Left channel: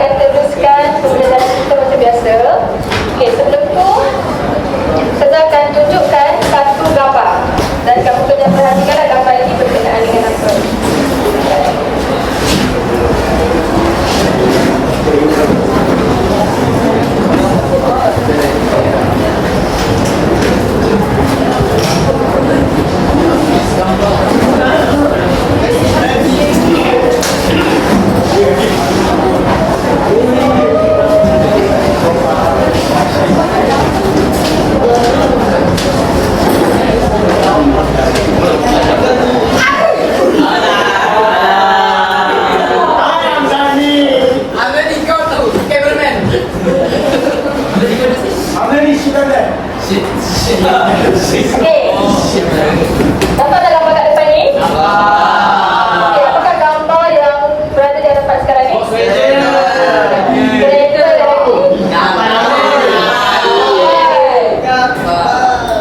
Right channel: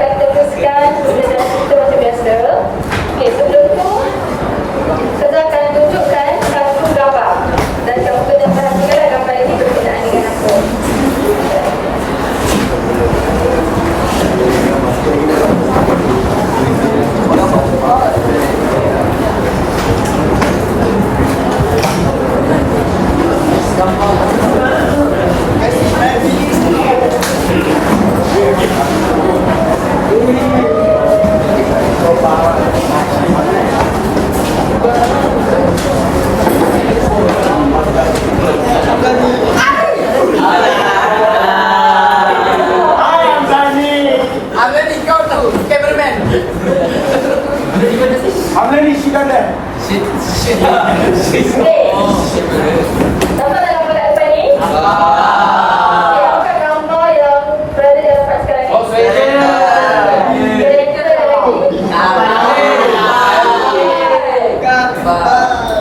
akan teruskan pembelajaran kita macam biasa. Okey, sebelum tu saya akan tunjukkan satu gambar dan kamu kena perhatikanlah gambar ini berkenaan dengan apa. Okey. Dapat gambar kat depan ni? Okey, apakah gambar yang berada di hadapan sekarang ni? Kereta lagi.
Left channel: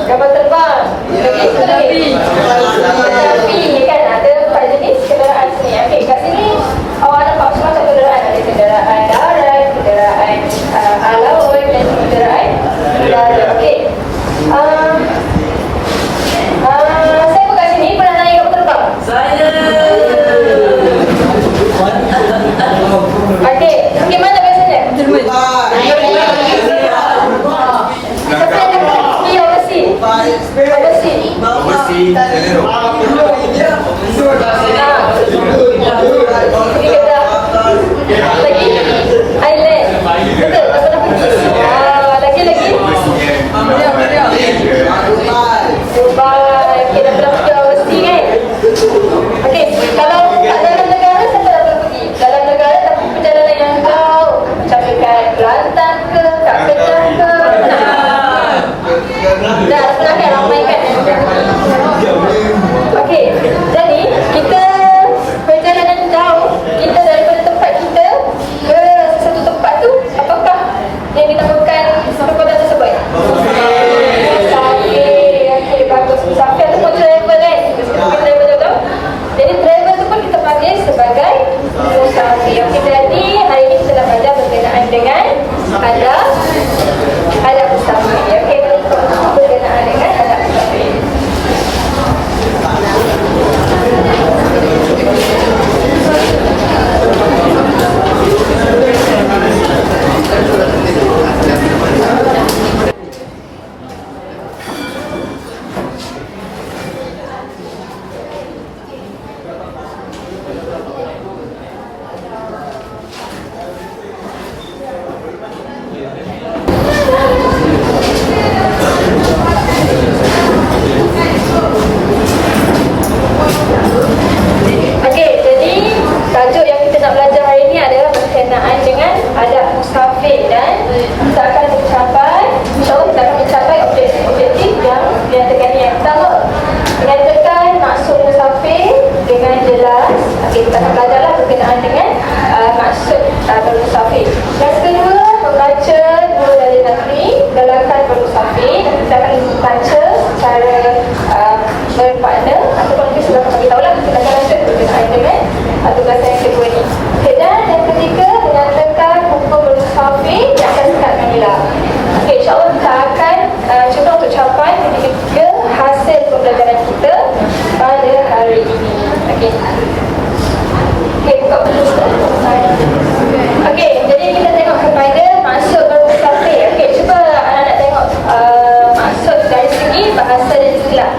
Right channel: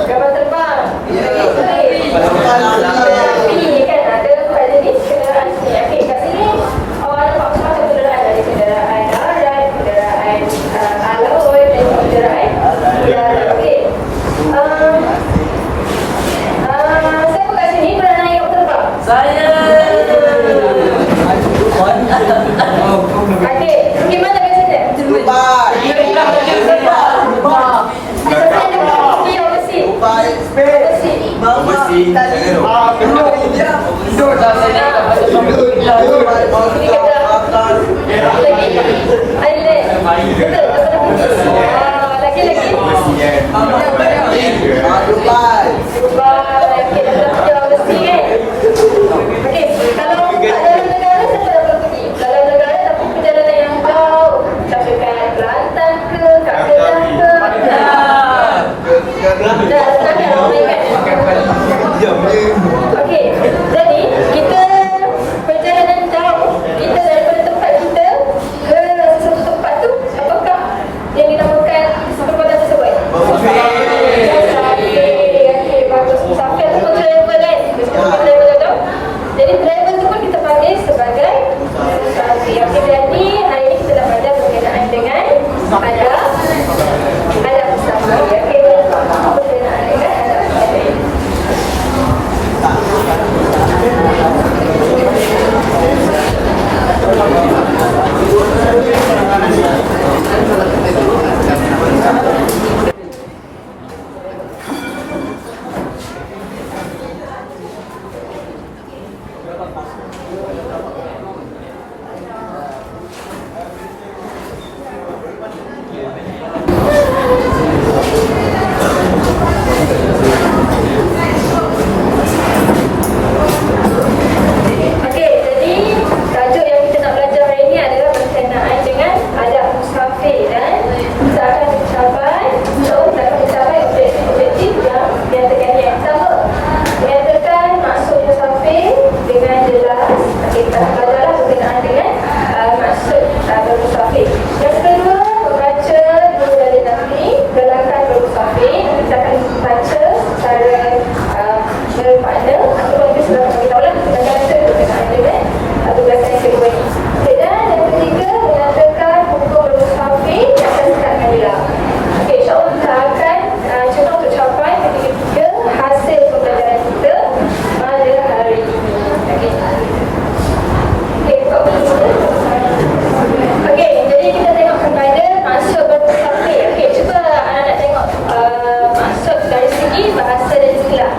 Gambar terbang. Lagi. Tetapi kan ada pada jenis kenderaan sini. Okey, kat sini awak nampak macam kenderaan. Ada kenderaan darat, kenderaan laut dan kenderaan udara. Okey. Siapa kat sini pernah naik kapal terbang? Saya. Okey, bagaimana biasanya? Siapa yang ada pergi overseas? Pergi Kedah. Lagi? Island. Betul, tak pernah pergi. Lagi? Dubai. Okey, dah pernah pergi overseas kan? Okey, kalau kat dalam negara, siapa dah pernah pergi? Dalam negara tapi perjalanan yang jauh. Macam dekat Kelantan ke, kat Kedah ke? Dah pernah kan ramai kan? Okey, jadi kita perjalanan jauh, kita daripada tempat kita ke satu tempat tu, apakah yang dinamakan perbuatan tersebut? Okey, bagus. Musafir ataupun travel kan? Kita pakai travel tahu. Jadi travel tu pun kita panggil sebagai musafir. Okey, jadi hari ni kita nak belajar berkenaan dengan adab musafir. Okey, berkenaan dengan adab musafir. Okey, jadi kita tengok kepada maksud bermusafir. Okey, cuba anak-anak tengok maksud dari segi bahasa dan istilah.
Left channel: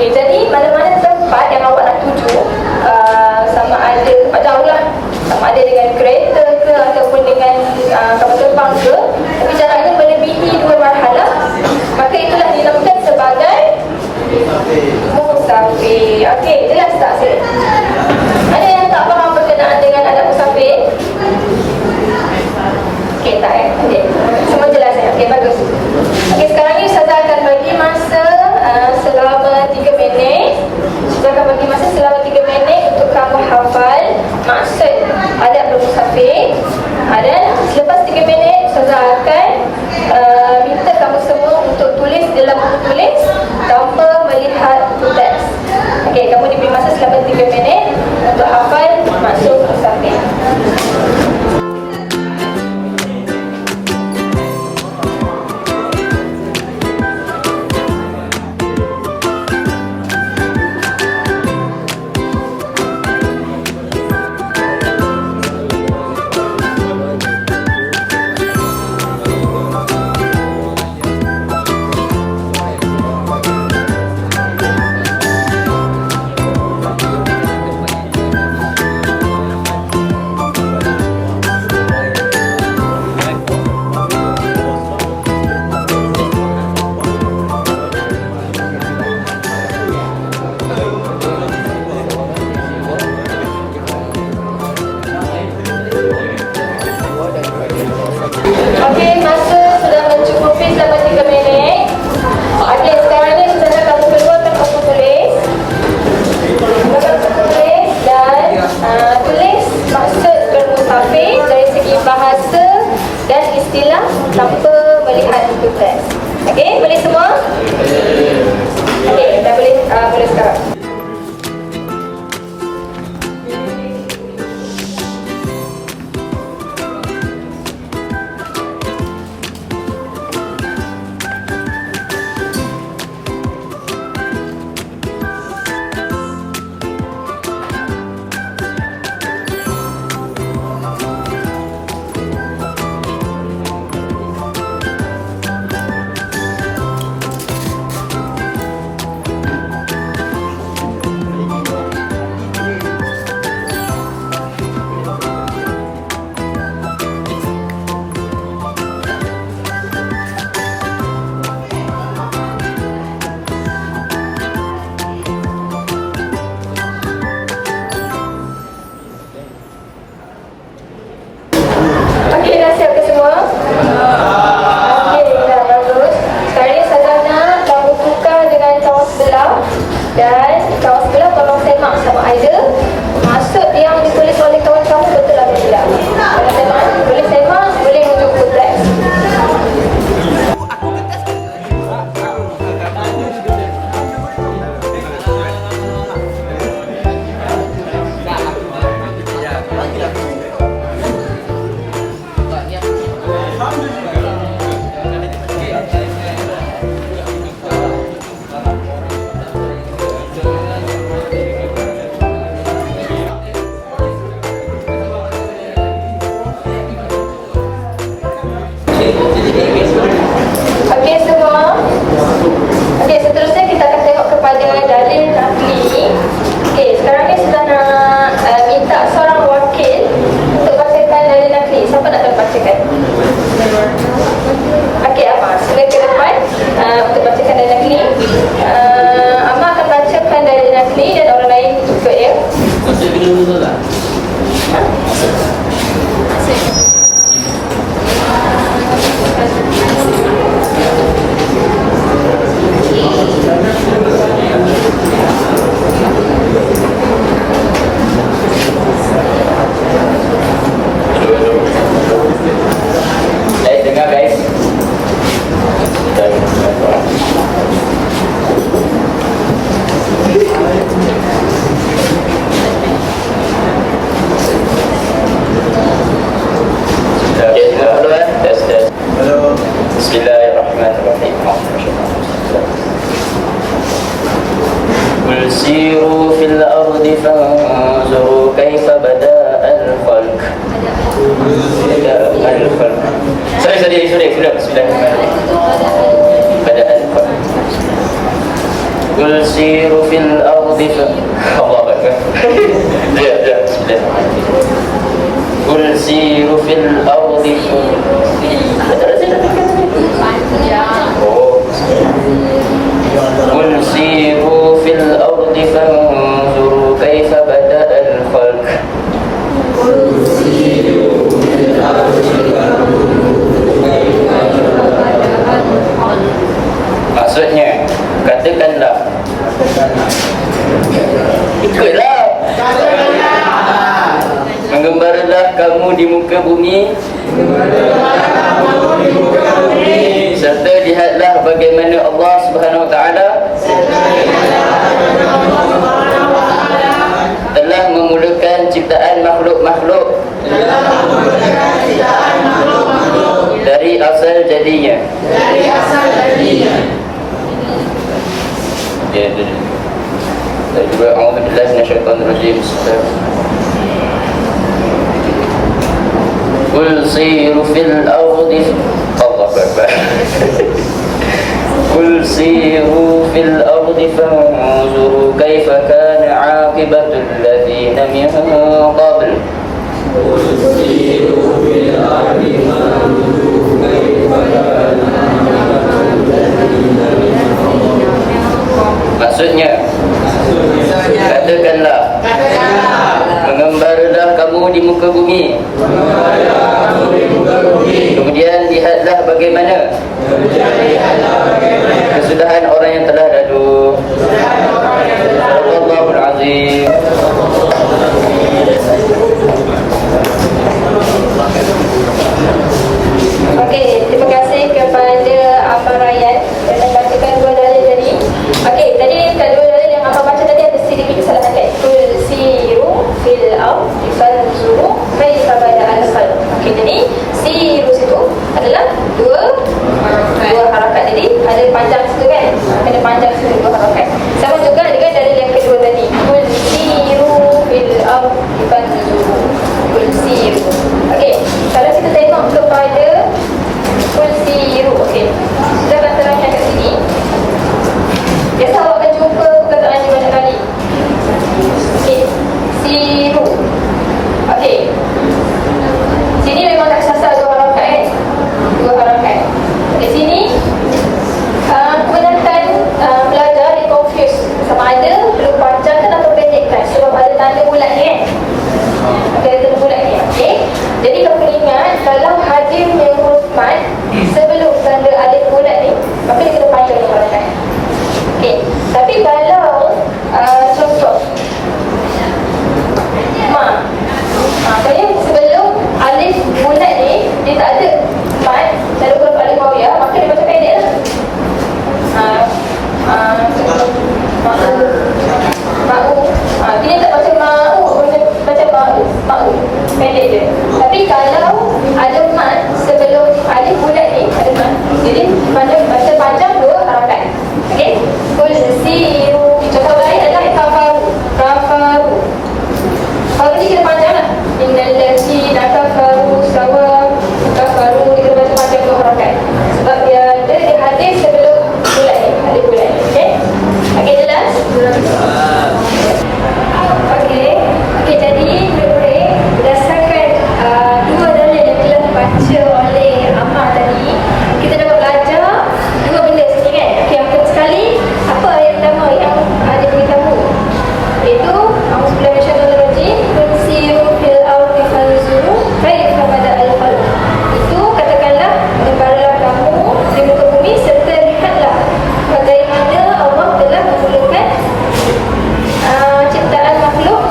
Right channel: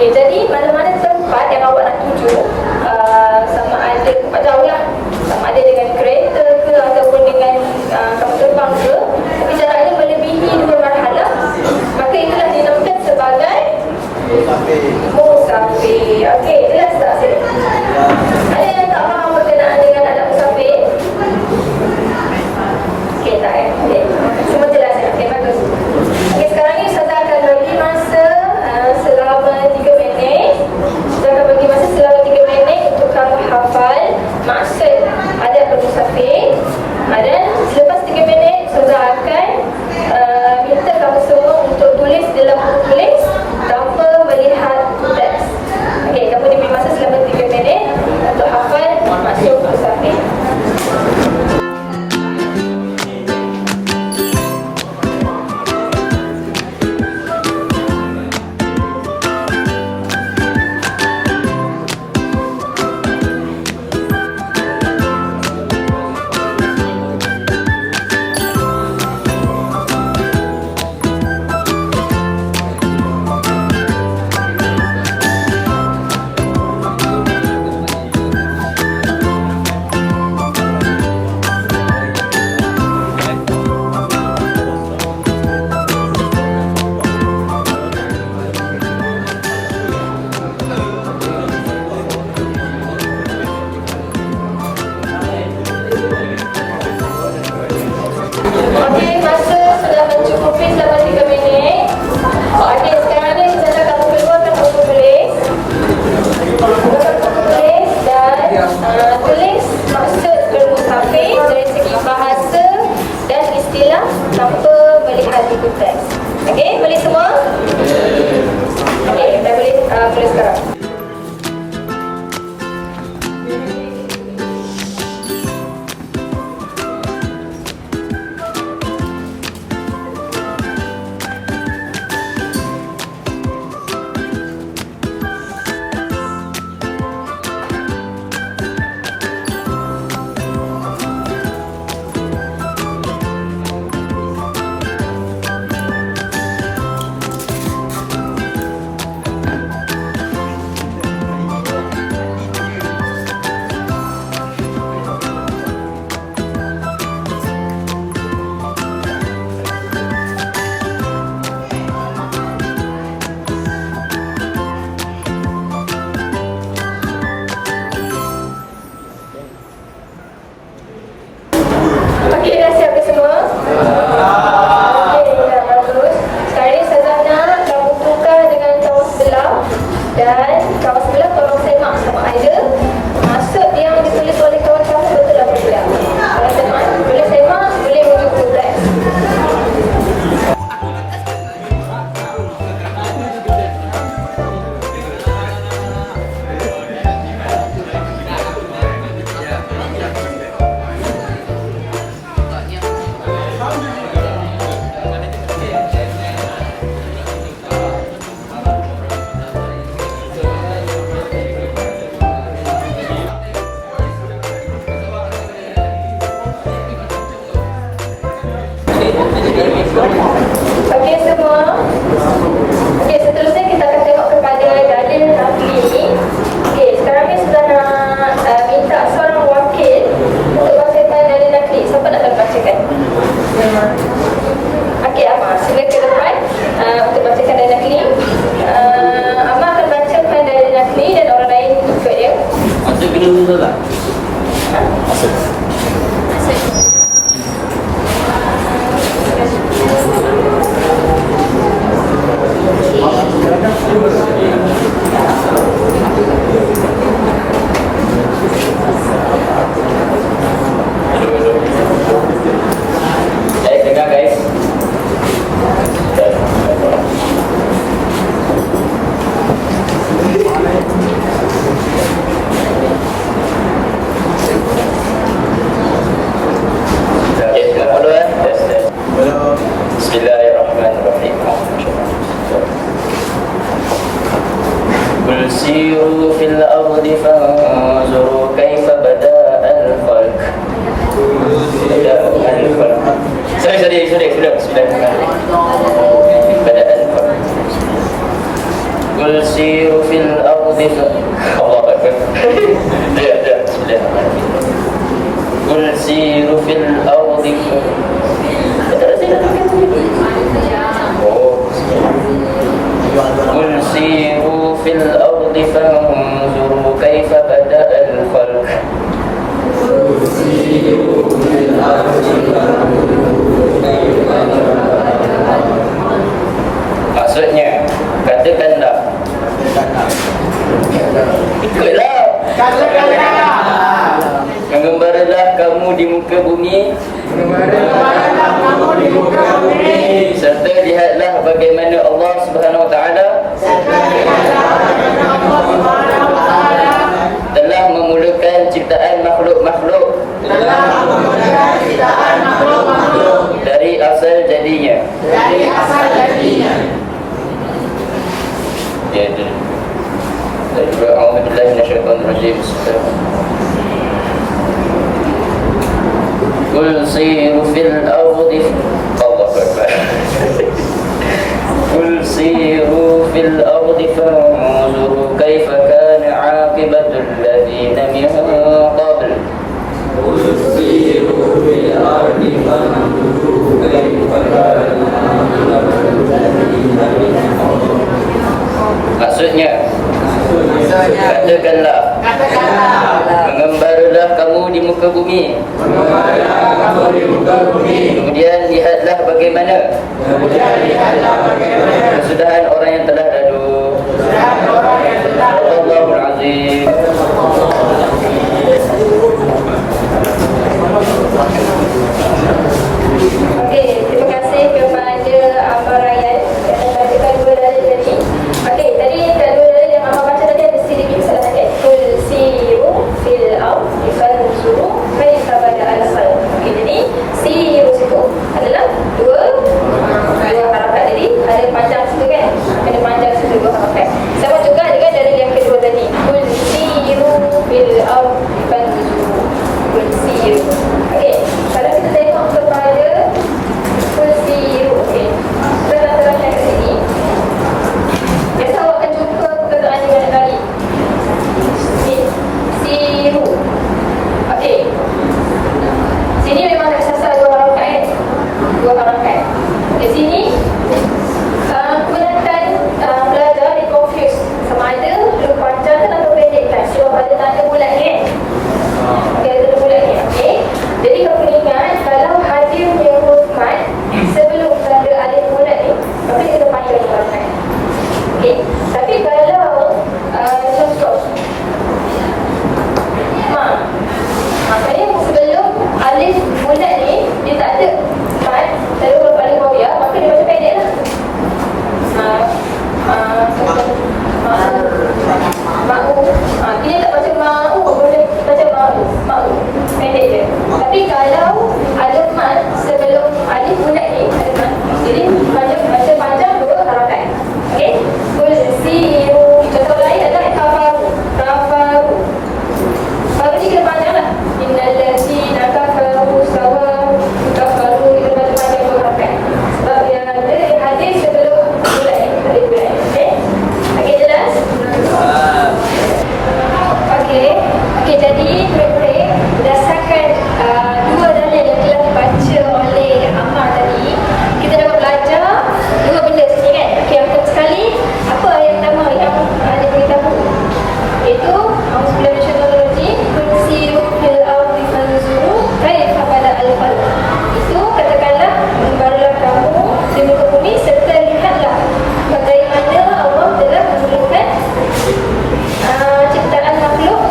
Okey, jadi mana-mana tempat yang awak nak tuju, sama ada tempat jauh lah, sama ada dengan kereta ke ataupun dengan kapal terbang ke, tapi jaraknya melebihi 2 marhalah, maka itulah dinamakan sebagai musafir. Okey, jelas tak sini? Ada yang tak faham berkenaan dengan adab musafir? Okey, tak okey. Semua jelas ya? Okey, bagus. Okey, sekarang ni Ustazah akan bagi masa selama 3 minit. Ustazah akan bagi masa selama 3 minit untuk kamu hafal maksud adab bermusafir. Dan selepas 3 minit, Ustazah akan minta kamu semua untuk tulis dalam buku tulis tanpa melihat teks. Okey, kamu diberi masa selama 3 minit untuk hafal maksud musafir. Okey, masa sudah mencukupi selama 3 minit. Okey, sekarang ni Ustazah kamu keluarkan buku tulis. Keluarkan buku tulis dan tulis maksud bermusafir dari segi bahasa dan istilah tanpa melihat buku teks. Okey, boleh semua? Okey, dah boleh sekarang. Okey, dah siap ke semua? Okey, dah bagus. Sekarang ni Ustazah nak kamu tukar dengan kawan sebelah. Dan kawan sebelah tolong semak sama ada maksud yang ditulis oleh kawan kamu betul atau tidak. Kalau semak, boleh semak, boleh rujuk buku teks. Okey semua. Okey, seterusnya kita akan tengok kepada dalil nakli. Okey, sekarang ni sudah nak minta seorang wakil untuk bacakan dalil nakli. Siapa nak bacakan? Okey, Amma, sila ke depan untuk bacakan dalil nakli. Amma akan bacakan dalil nakli dan orang lain ikut dia. Maksud kena dulu tak? Guys, dengar guys. Bismillahirrahmanirrahim. Qul siru fil ardi fanzuru kaifa bada'al khalq. Bada'al khalq. Sorry. Bismillahirrahmanirrahim. Bada'al khalq. قل سيروا في الأرض الله أكبر Bismillahirrahmanirrahim. قل سيروا في الأرض قل سيروا في الأرض فانظروا كيف بدأ الخلق. Maksudnya, katakanlah, ikutlah, mengembaralah kamu di muka bumi, serta lihatlah bagaimana Allah Subhanahu Wa Taala telah memulakan ciptaan makhluk-makhluk dari asal jadinya. Ya, dan juga a'udzubillahi minasyaitonir rajim. Qul siru fil ardi Allahu akbar. Qul siru fil ardi fanzuru kaifa kana 'aqibatul ladzina min qabl. Qul siru fil ardi fanzuru kaifa kana 'aqibatul ladzina min qabl. Maksudnya, katakanlah, mengembaralah kamu di muka bumi, kemudian lihatlah bagaimana kesudahan orang yang telah lalu. Allahul Azim. Okey, terima kasih kepada Abang Ryan yang membacakan dua dalil tadi. Okey, tadi dua dalil yang Abang baca tadi ada sedikit kesalahan kan? Qul siru fil ardi fanzuru kaifa bada'al khalq. Okey, jadi siru situ adalah dua harakat tadi, ada panjang situ kan? Kena panjang situ dua harakat. Sama juga dengan dalil yang kedua tadi. Qul siru fil ardi fanzuru. Qul siru. Okey, kalau kita tengok kepada Qul siru, okey. Kita akan terangkan kat sini. Biasa awak akan jumpa perkataan ni banyak kali. Okey, siru. Okey. Sini memang tak sasar dua harakat kan? Dua harakat. Okey, sini kebanyakan pelajar dia confuse sama ada perlu panjangkan atau pendekkan sebab ada tanda bulat ni kan? Okey, ada tanda bulat ni. Okey. Jadi kamu ingat kalau hadirnya huruf mat sebelum tanda alif bulat ni, maka dia kena panjang harakat. Okey. Tapi kalau contoh ma, kalau sebelum alif bulat ni dia tak ada mat, tak ada huruf alif waw ya, maka dia baca pendek lah. Ma'u. Dia tak baca ma'u, baca ma'u. Pendek je. Tapi kalau ada mat sebelum alif bulat ni, ada mat, jadi baca panjang dua harakat. Okey. Qul siru. Contoh lain adalah kafaru. Kafaru ni kita panjang lah. Innal ladzina kafaru sawa. Kafaru kita baca panjang dua harakat. Sebab dia hadis sebelum bulat ni, alif bulat ni. Okey. Okey, jelas? Okey, jadi murid-murid, berdasarkan dua dalil yang telah dibaca oleh Ammar tadi, kita dapat belajar dua benda sini kan. Okey, yang pertama sekali, apa ayat pertama yang dia beritahu? Iaitu a'udzubillahi minasyaitonir rajim, qul siru fil ardi fanzuru kaifa bada'al khalq. Itu katakanlah, mengembaralah kamu di muka bumi serta lihatlah bagaimana Allah telah memulakan ciptaan makhluk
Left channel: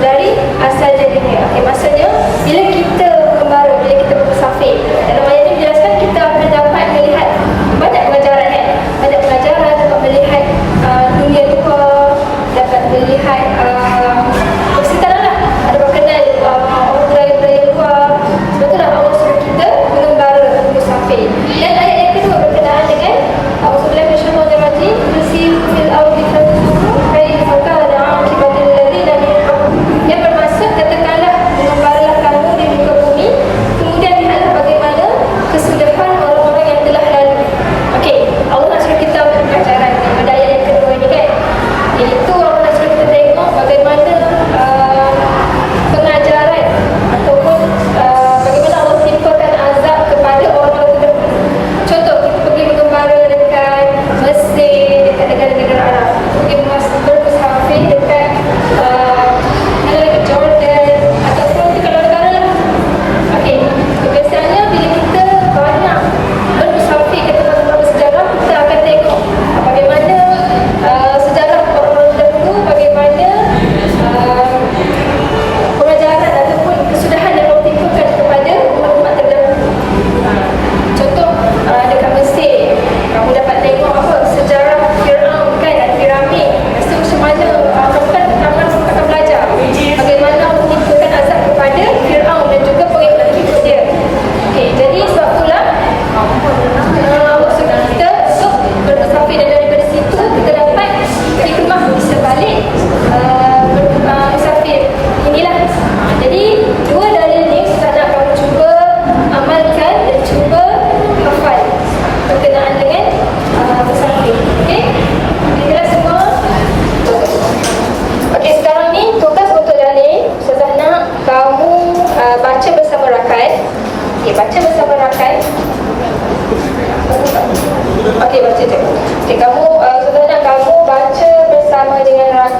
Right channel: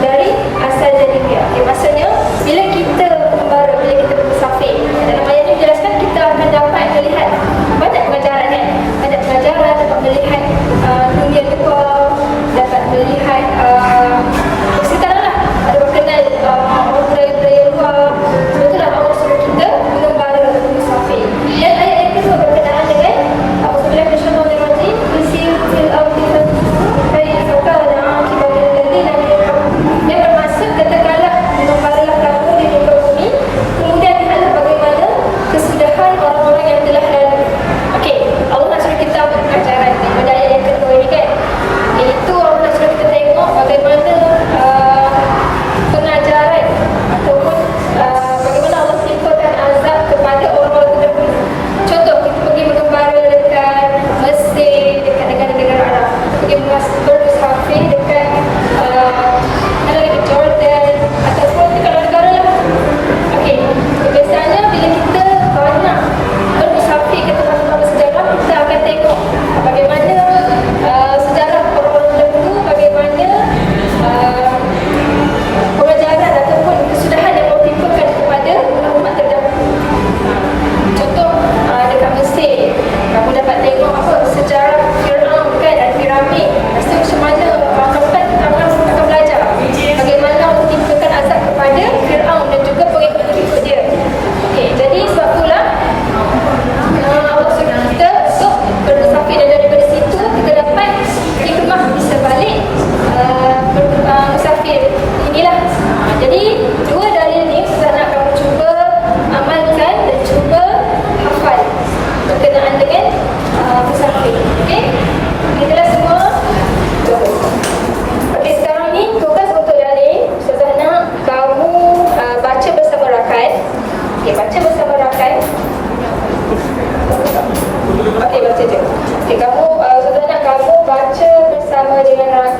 dari asal jadinya. Okay, maksudnya bila kita mengembara, bila kita bermusafir, dalam ayat ini menjelaskan kita akan dapat melihat banyak pengajaran kan? Banyak pengajaran, dapat melihat dunia luar, dapat melihat persekitaran lah, ada berkenal orang budaya luar. Betul lah Allah suruh kita mengembara, musafir. Dan ayat yang kedua berkenaan dengan a'udzubillahi minasyaitonir rajim, qul siru fil ardi fanzuru kaifa kana 'aqibatul ladzina min qabl. Yang bermaksud katakanlah, mengembaralah kamu di muka bumi, kemudian lihatlah bagaimana kesudahan orang-orang yang telah lalu. Okey, Allah nak suruh kita ambil pengajaran pada ayat yang kedua ini kan.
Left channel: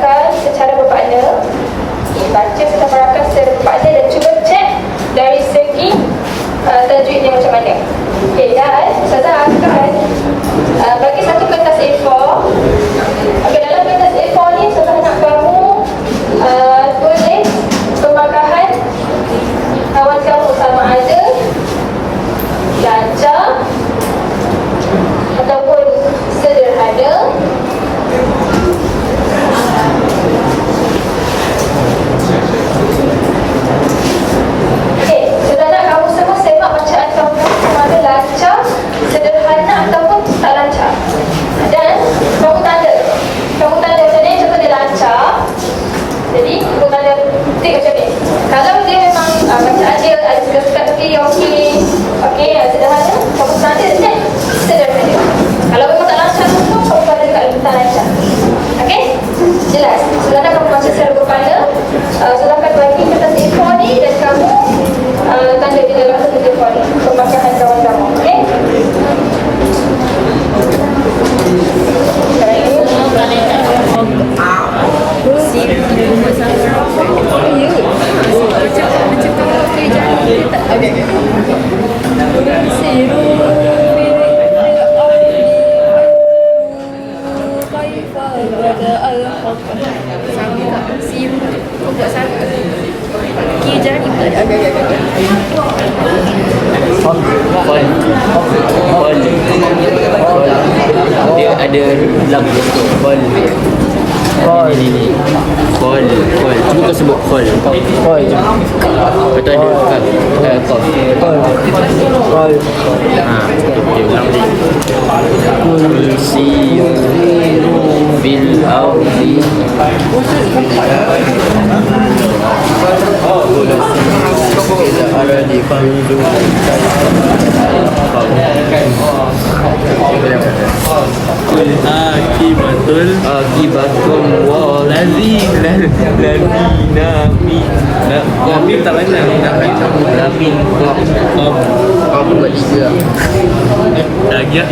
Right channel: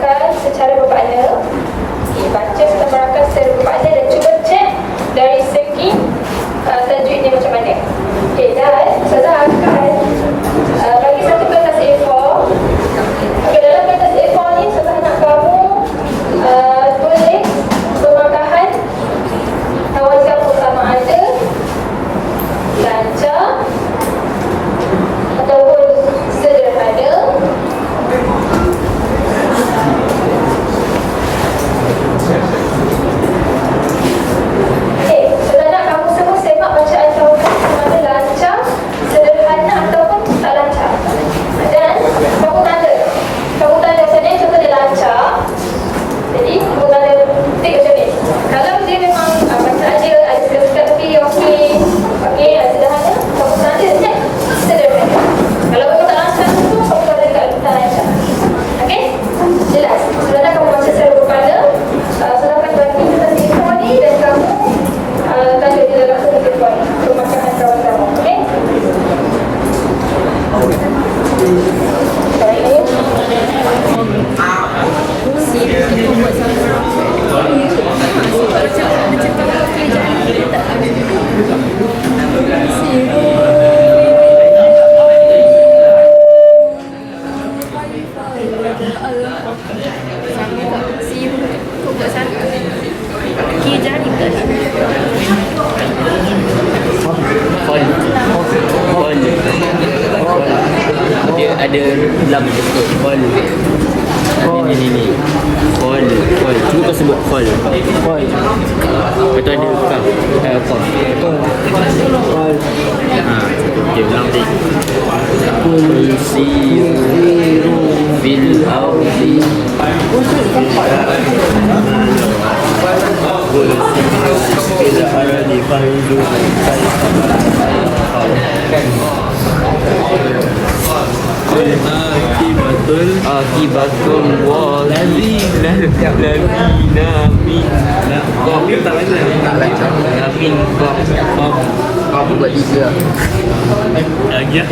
berakan secara bermakna. Okay, baca serta berakan secara bermakna dan cuba cek dari segi tajwidnya macam mana. Okay, dan Ustazah akan bagi satu kertas A4. Okay, dalam kertas A4 ni Ustazah nak kamu tulis pemakahan kawan kamu sama ada lancar ataupun sederhana. Okey, sudah nak kamu semua semak bacaan kamu sama ada lancar, sederhana ataupun tak lancar. Dan kamu tanda macam ni, contoh dia lancar. Jadi kamu tanda tik macam ni. Kalau dia memang bacaan dia ada sekat-sekat tapi okey, sederhana, kamu tanda je sederhana. Kalau memang tak lancar tu, kamu tanda dekat tak lancar. Okey? Jelas? Sudah nak kamu baca secara bermakna. Silakan bagi kertas A4 ni dan kamu tanda di dalam kertas A4 ni pemakahan kawan kamu. Okey? Sama tak? Si kau buat satu. Kira jari pula dah. Kol. Dia ada lam betul. Kol. Ini. Kol. Cuba kau sebut kol. Lepas tu ada kaf. Kol. Betul. Okay, ulang lagi. Kul siru bil ardi. إلى أرض فانظر كيف Kul akibatum waladzina ladina min Mim tak lagi la min Kamu buat tiga lagi ya.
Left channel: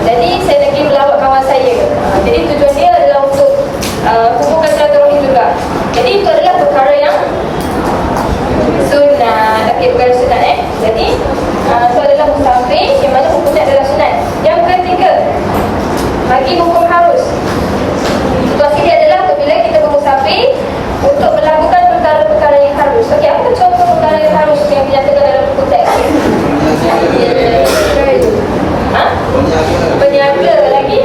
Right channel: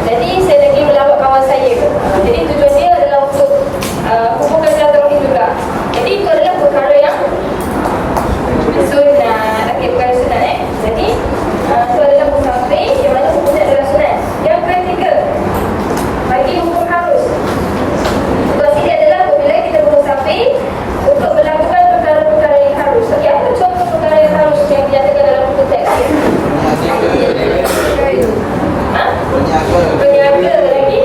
Jadi saya lagi melawat kawan saya. Jadi tujuan dia adalah untuk hubungkan silaturahim juga. Jadi itu adalah perkara yang sunat. Okey, perkara sunat Jadi itu adalah musafir yang mana hukumnya adalah sunat. Yang ketiga, bagi hukum harus. Situasi dia adalah apabila kita bermusafir untuk melakukan perkara-perkara yang harus. Okey, apa contoh perkara yang harus yang dinyatakan dalam buku teks? Berniaga lagi?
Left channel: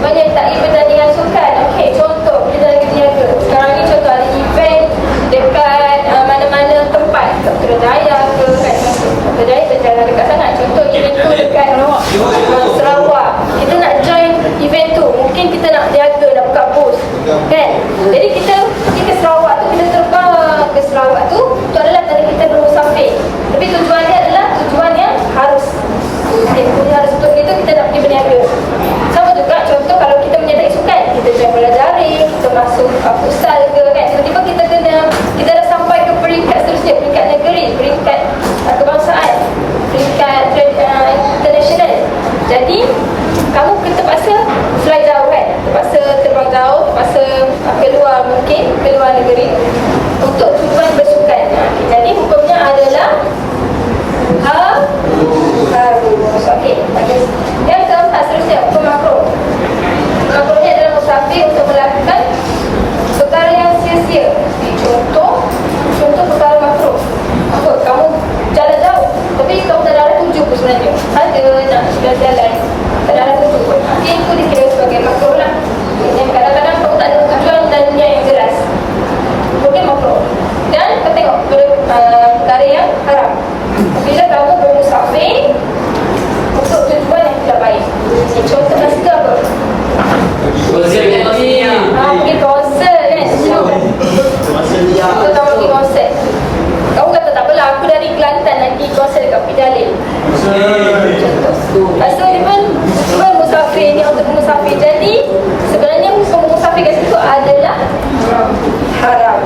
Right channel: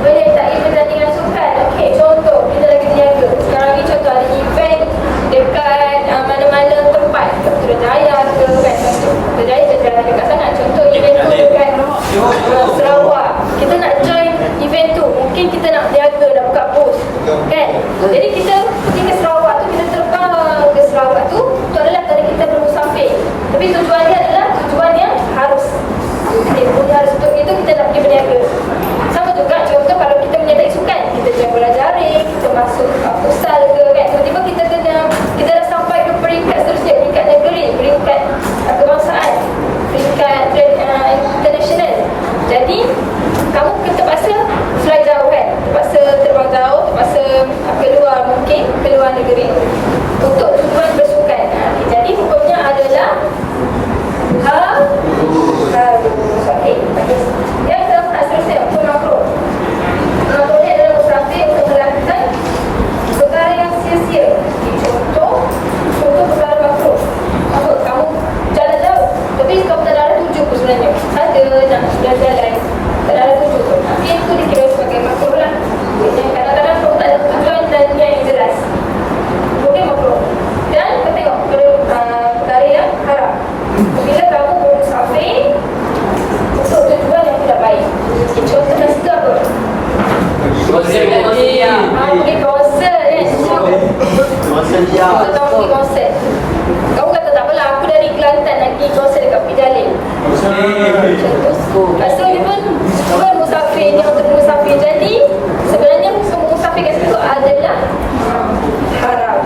Menyertai pertandingan sukan. Okey, contoh kita lagi berniaga. Sekarang ni contoh ada event dekat mana-mana tempat, kat Putrajaya ke kan, contoh Putrajaya berjalan dekat sangat. Contoh event tu dekat Sarawak, kita nak join event tu, mungkin kita nak berniaga, nak buka booth kan. Jadi kita pergi ke Sarawak tu, kita terbang ke Sarawak tu adalah kerana kita bermusafir. Tapi tujuan dia adalah tujuan yang harus. Punya harus untuk itu kita nak pergi berniaga. Sama juga contoh kalau kita menyertai sukan, kita join bola jaring, kita masuk futsal ke kan, tiba-tiba kita dah sampai ke peringkat seterusnya, peringkat negeri, peringkat kebangsaan, peringkat international. Jadi kamu terpaksa fly jauh kan, terpaksa terbang jauh, terpaksa keluar, mungkin keluar negeri untuk tujuan bersukan. Jadi hukumnya adalah harus. Okey. Yang keempat seterusnya, hukum makruh. Makruhnya adalah musafir untuk melakukan perkara yang sia-sia. Contoh perkara makruh. Apa? Kamu jalan jauh, tapi kamu tak ada arah tuju pun sebenarnya. Saja nak sudah jalan, tak ada arah tuju pun. Okey, itu dikira sebagai makruh lah. Yang kadang-kadang kamu tak ada tujuan dan niat yang jelas. Mungkin makruh. Dan kita tengok perkara yang haram. Bila kamu bermusafir untuk tujuan yang tidak baik. Contoh kat situ apa? Pergi konsert kan. Contoh kamu pergi konsert, kamu kata tak apalah, aku dari Kelantan nak pergi konsert dekat Pidalin. Contoh. Lepas tu dia pun musafir, ni untuk musafir. Jadi sebenarnya hukum musafir kat situ adalah haram.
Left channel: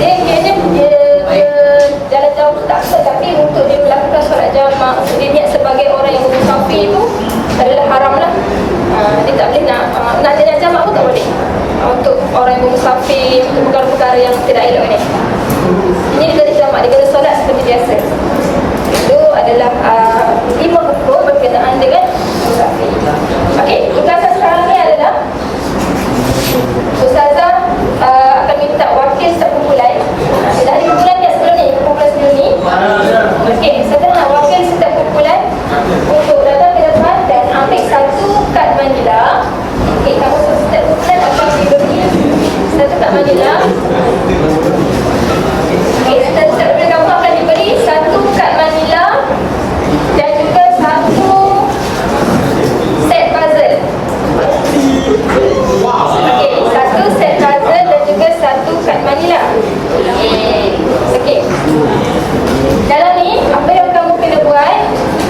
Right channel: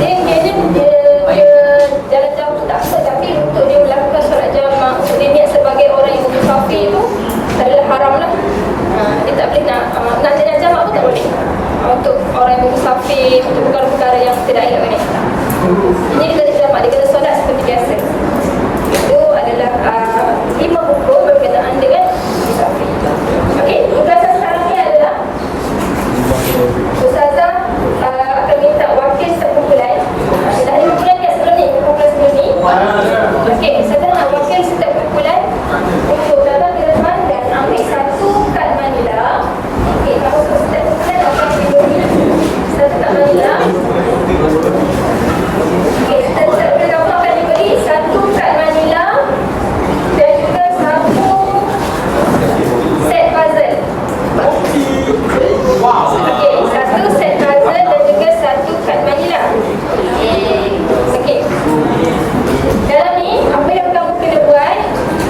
Dia jalan jauh tu tak apa, tapi untuk dia melakukan solat jamaah, untuk dia niat sebagai orang yang bermusafir tu adalah haram lah. Dia tak boleh nak jamaah pun tak boleh. Untuk orang yang bermusafir, untuk perkara-perkara yang tidak elok ni. Ini dia kena jamaah, dia kena solat seperti biasa. Itu adalah 5 hukum berkenaan dengan musafir. Okey, tugasan sekarang ni adalah Ustazah akan minta wakil setiap kumpulan. Dah ada kumpulan ni sebelum ni, kumpulan sebelum ni. Okey, Ustazah nak wakil setiap kumpulan untuk datang ke depan dan ambil satu kad manila. Okey, kamu setiap kumpulan akan diberi satu kad manila. Okey, setiap kumpulan kamu akan diberi satu kad manila dan juga satu set puzzle. Okey, satu set puzzle dan juga satu kad manila. Okey. Dalam ni, apa yang kamu kena buat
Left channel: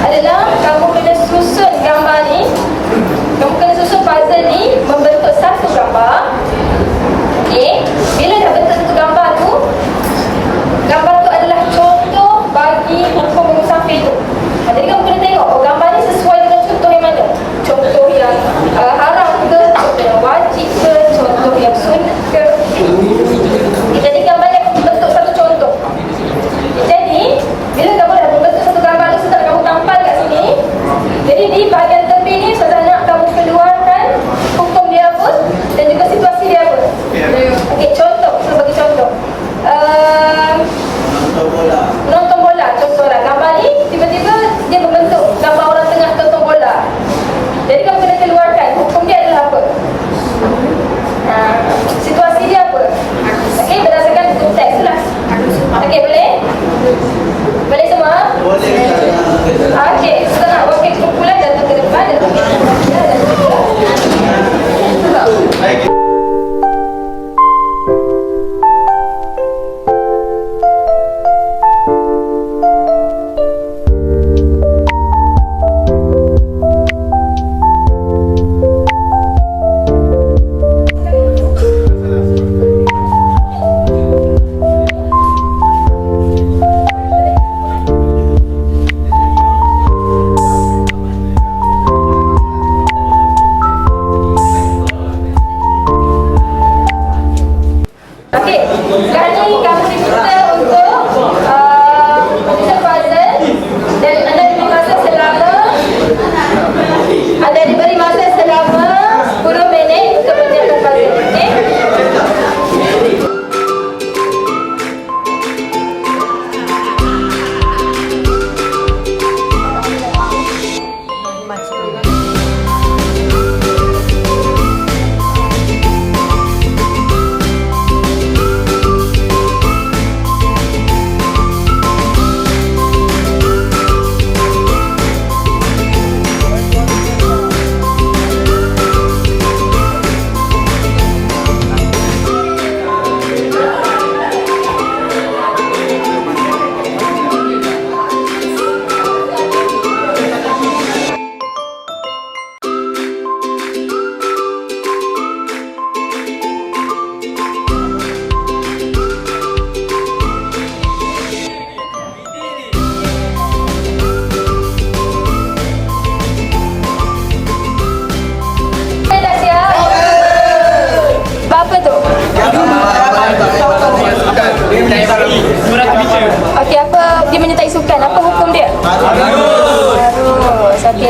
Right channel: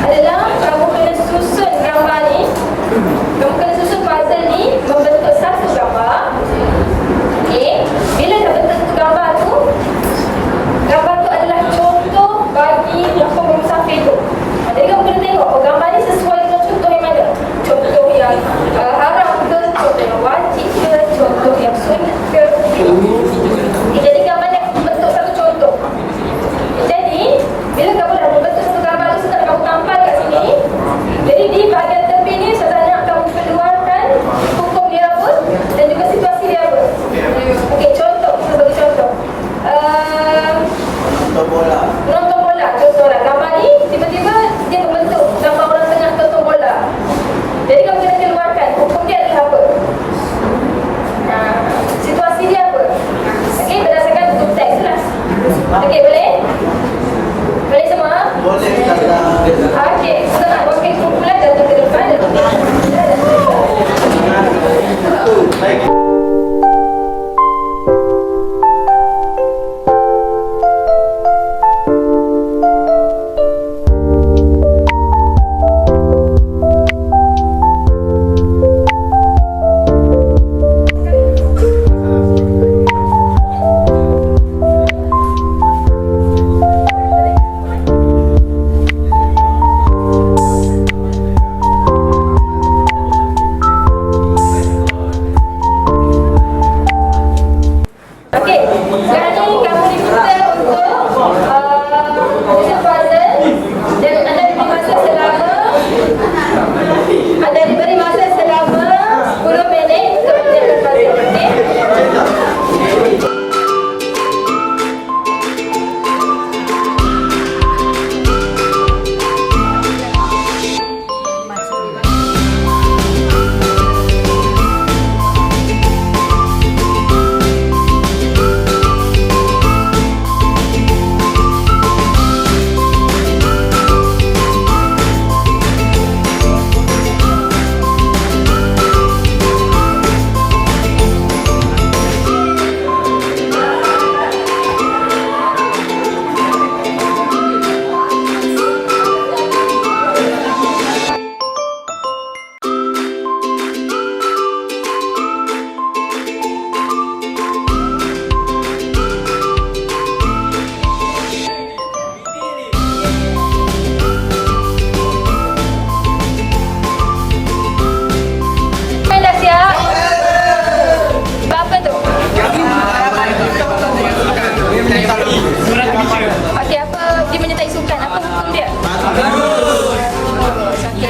adalah kamu kena susun gambar ni. Kamu kena susun puzzle ni membentuk satu gambar. Okey. Bila dah bentuk satu gambar tu adalah contoh bagi hukum musafir tu. Jadi kamu kena tengok, gambar ni sesuai dengan contoh yang mana? Contoh yang haram ke, contoh yang wajib ke, contoh yang sunat ke. Jadi gambar ni akan bentuk satu contoh. Jadi bila kamu dah membentuk satu gambar tu, setelah kamu tampal kat sini, jadi di bahagian tepi ni saya nak kamu keluarkan hukum dia apa dan juga situasi dia apa. Okey, contoh, kita bagi contoh. Nonton bola, contohlah gambar ni tiba-tiba dia membentuk gambar orang tengah tonton bola. Jadi kamu kena keluarkan hukum dia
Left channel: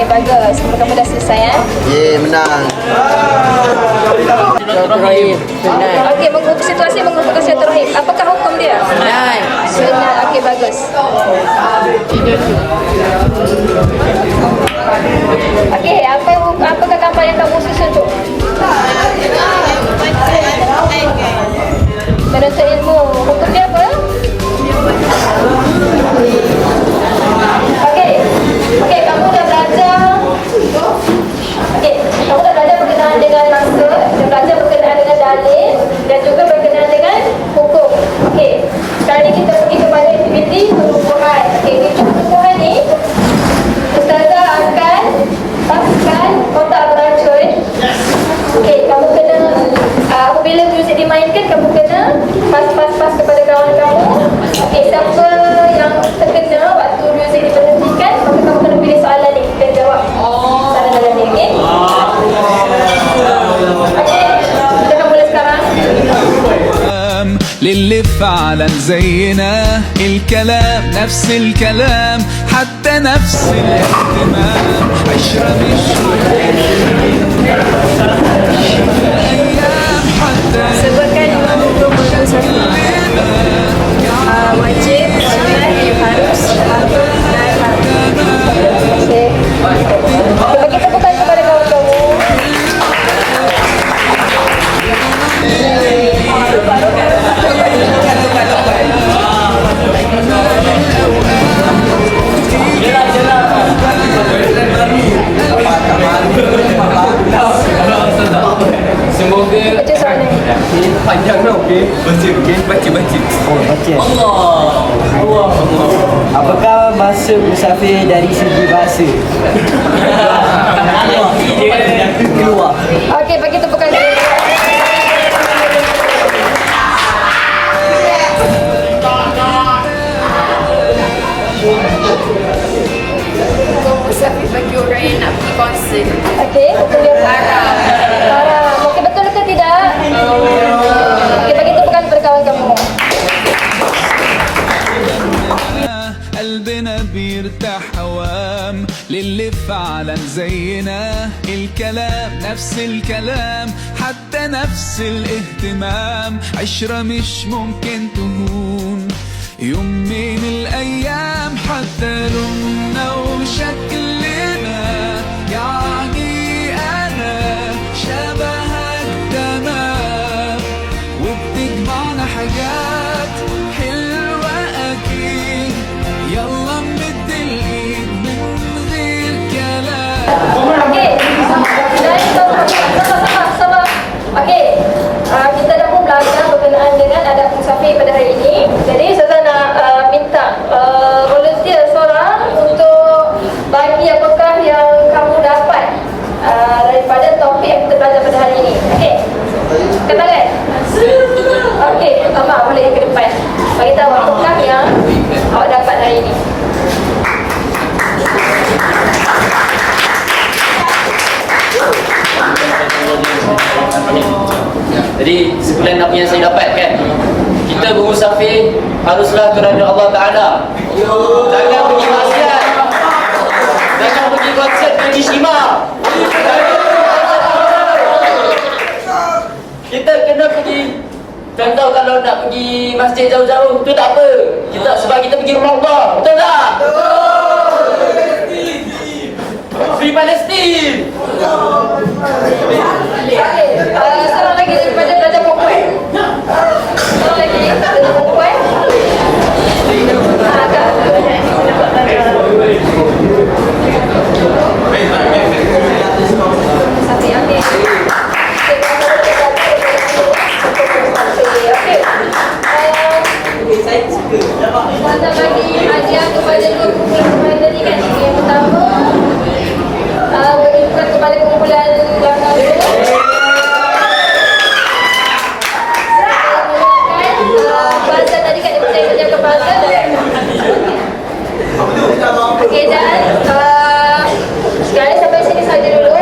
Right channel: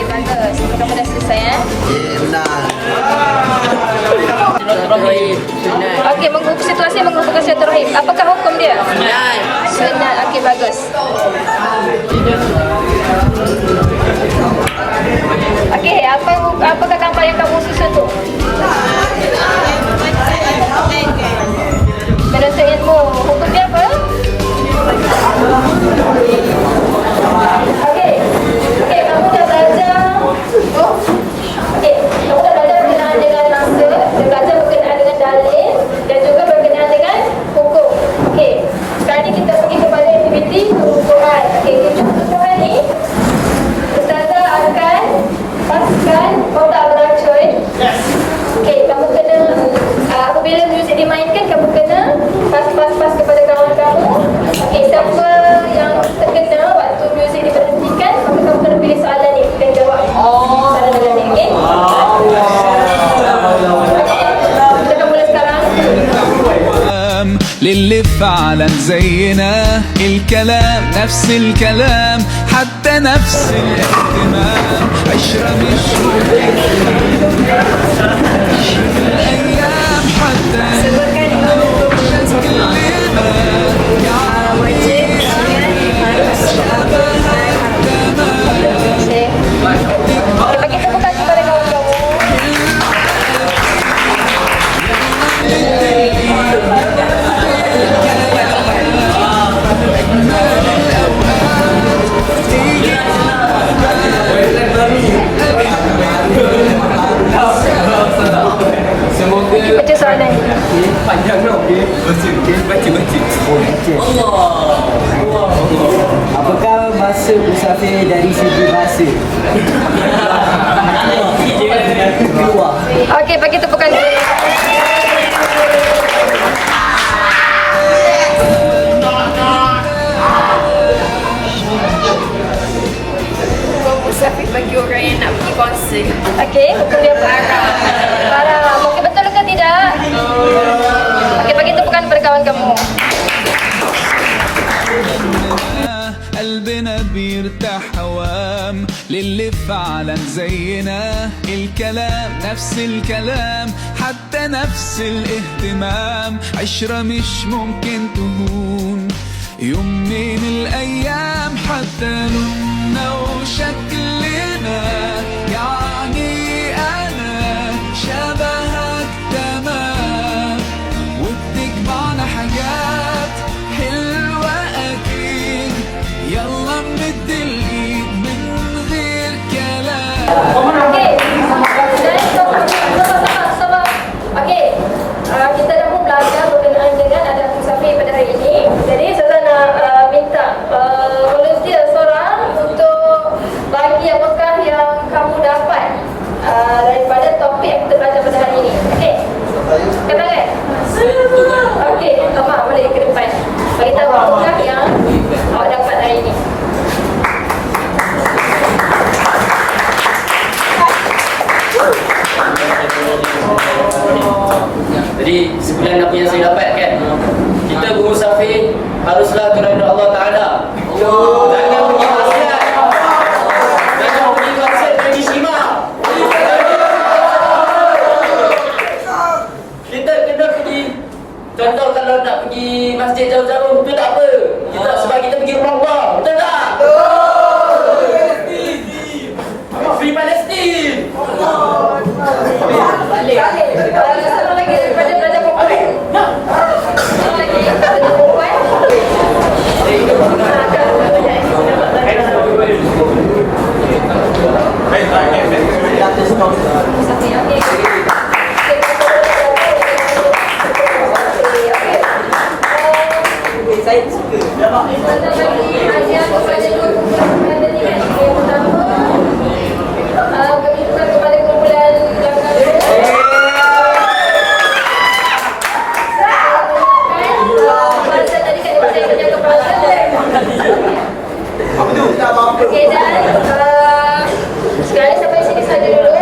Okey, bagus. Kamu dah selesai ya. Menang. Okey, mengubah situasi mengubahkan silaturahim. Apakah hukum dia? Senang. Okey, bagus. Okey, apakah gambar yang kamu susun tu? Menuntut ilmu. Hukum dia apa? Okey. Okey, kamu dah belajar. Okey, kamu dah belajar berkenaan dengan masa, dah belajar berkenaan dengan dalil dan juga berkenaan dengan hukum. Okey. Sekarang ni kita pergi kepada aktiviti pengukuhan. Okey, aktiviti pengukuhan ni Ustazah akan paskan kotak beracun. Okey, kamu kena apabila muzik dimainkan, kamu kena pas kepada kawan kamu. Okey, siapa yang terkena waktu muzik diberhentikan, maka kamu kena pilih soalan ni dan jawab soalan dalam ni. Okey? Okey, kita akan mula sekarang. للي فعلا زينا الكلام نفس الكلام حتى نفس الاهتمام عشرة مش ممكن الأيام حتى Sebutkan 50 كلنا wajib, sunat, harus, dan haram. Okey. Bagi tepukan kepada kawan kamu. Baca soalan ni. Panjang tau. Okey. Baca. Okey. Baca. Oh, baca. Allah. Apakah bahasa musafir dari segi bahasa? Keluar. Okey, bagi tepukan dia. Musafir bagi orang yang nak pergi konsert. Okey, hukum dia apa? Haram. Okey, betul ke tidak? Okey, bagi tepukan kepada kawan kamu. قلبنا بيرتاح هوام للي فعلا زينا الكلام نفس الكلام حتى نفس الاهتمام عشرة مش ممكن تهون يوم من الأيام حتى لوننا وشكلنا يعني أنا شبهك تمام وبتجمعنا حاجات حلوة أكيد يلا نمد الإيد من غير كلام Okey. Dan sama. Okey. Kita dah pun belajar berkenaan dengan adab musafir pada hari ini. Jadi saya nak minta volunteer seorang untuk bagi apakah yang kamu dapat daripada topik yang kita belajar pada hari ini. Okey. Katakan. Okey, Amar boleh ke depan. Bagi tahu apakah yang awak dapat hari ini. Jadi sebulan apa yang saya dapat kan, kita bermusafir haruslah kerana Allah Ta'ala. Jangan pergi maksiat, jangan pergi konsert dan istimewa. Kita kena pergi. Contoh kalau nak pergi masjid jauh-jauh, tu tak apa. Kita sebab kita pergi rumah Allah. Betul tak? Free Palestine. Seorang lagi daripada pelajar perempuan. Seorang lagi pelajar perempuan. Kita bagi hadiah kepada dua kumpulan tadi kan. Yang pertama bagi kepada kumpulan belakang tu. Bazar tadi kan dia percaya kerja ke bazar dan okey, dan sekarang sampai sini saja dulu.